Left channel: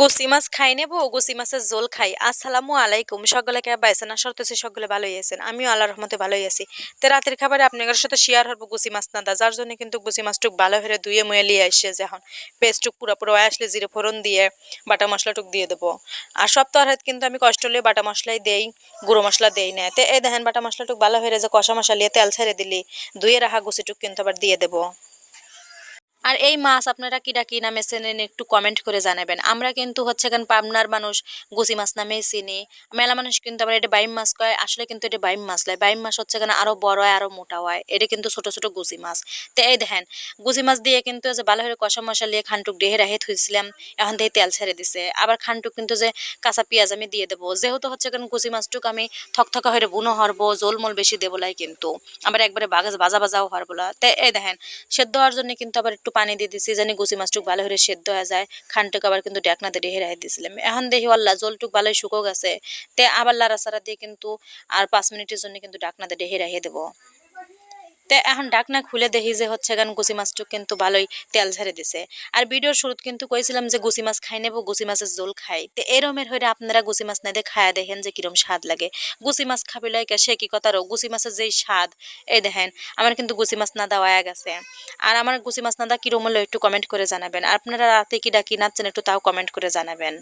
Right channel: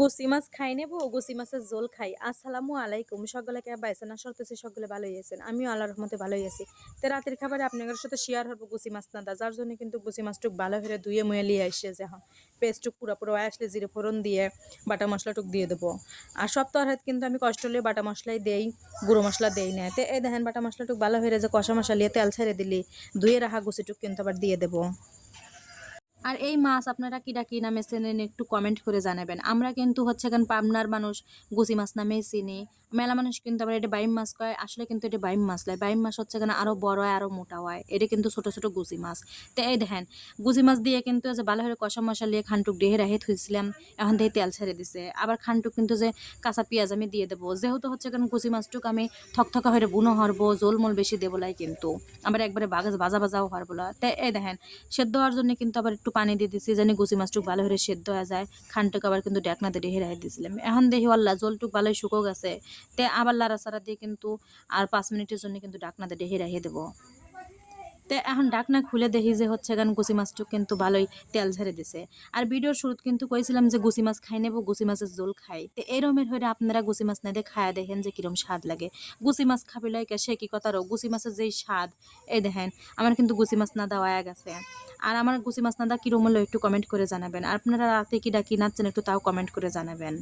গুছি মাছ খাই নেবো, গুছি মাছের ঝোল খাই। আসসালামু আলাইকুম। সকলে কেমন আছেন? আশা করতেছি সকলে ভালোই আছেন। আমিও আল্লাহর রহমতে ভালোই আছি। তো রাতের খাবারে আপনাদের সাথে শেয়ার হবো গুছি মাছ রান্দা। যার জন্য কিন্তু গুছি মাছটুক ভালো করে ধুয়ে মুয়ে লিয়ে আইসে যে এখন পেস্টটুক পুরো আসলে জিরে ফোড়ন দিয়ে বাটা মশলাটুক দিয়ে দেবো। আর সব তরহারিতে কিন্তু আমি কষ্ট হলে বাটা মশলাই দেই, গুঁড়ো মশলা দেই না। তো এই দেখেন বাটা মশলাটুক ভালো হয়ে যে কষা মশলা দিয়ে তেল ছেড়ে দিলি ধুয়ে রাখা গুছিটুক কিন্তু আবার দিয়ে দেবো। আর এই মাছ আপনারা কিরা কি নামে চেনেন একটু কমেন্ট করে জানাবেন। আমরা কিন্তু হচ্ছে এখন পাবনার মানুষ গুছি মাছ নামেই চিনি। মেলা মানুষ কিন্তু আবার এটা বাইম মাছ কয়, আসলে কিন্তু এটা বাইম মাছ লয়। বাইম মাছ হচ্ছে এখানে আরো বড় হয় আরো মোটা হয়, এটা কিন্তু ছোট ছোট গুছি মাছ। তো এই দেখেন গুছি মাছ দিয়ে কিন্তু যে ভালো করে কষা মশলা দিয়ে খানটুক ডেহে রাহে থুইছিলাম, এখন দিয়ে তেল ছেড়ে দিছে। আবার খানটুক কিন্তু যে কাঁচা পেঁয়াজ আমি দিয়ে দেবো, যেহেতু হচ্ছে এখন গুছি মাছটুক আমি থকথকা হয়ে বুনো হরবো, জোল মোল বেশি দেবো লাই কিন্তু আবার একবারে ভাজা ভাজাও হরবো না। তো এই দেখেন সেদ্ধ হওয়ার জন্য কিন্তু আবার একটু পানি দিয়ে দিছি জানি গুছি মাছটুক ভালো করে সেদ্ধ হয়ে যায়। খানটুক আবার কিন্তু ডেকনাতে রেহে রাখি দিয়েছিলাম, এখন দেখি আল্লাহ জলটুক ভালোই শুকো গেছে। তে আবার লাড়াচাড়া দিয়ে কিন্তু আর 5 মিনিটের জন্য কিন্তু ডাকনাতে রেহে রেখে দেবো। তে এখন ডাকনা খুলে দেখি যে হচ্ছে গান গুছি মাছটুক কিন্তু ভালোই তেল ঝেড়ে দিছে। আর ভিডিওর শুরুত কিন্তু কইছিলাম যে গুছি মাছ খাই নেবো, গুছি মাছের ঝোল খাই। তো এরমের হয়ে আপনারা গুছি মাছ না দিয়ে খায়া দেখেন যে কিরম স্বাদ লাগে। গুছি মাছ খাবি লাইকা সে কি কথারও গুছি মাছের যেই স্বাদ, এই দেখেন আমার কিন্তু গুছি মাছ না দেওয়া গেছে। আর আমার গুছি মাছ না দা কিরম হলো একটু কমেন্ট করে জানাবেন। আর আপনারা রাতে কি ডাকি নাচ্ছেন একটু তাও কমেন্ট করে জানাবেন।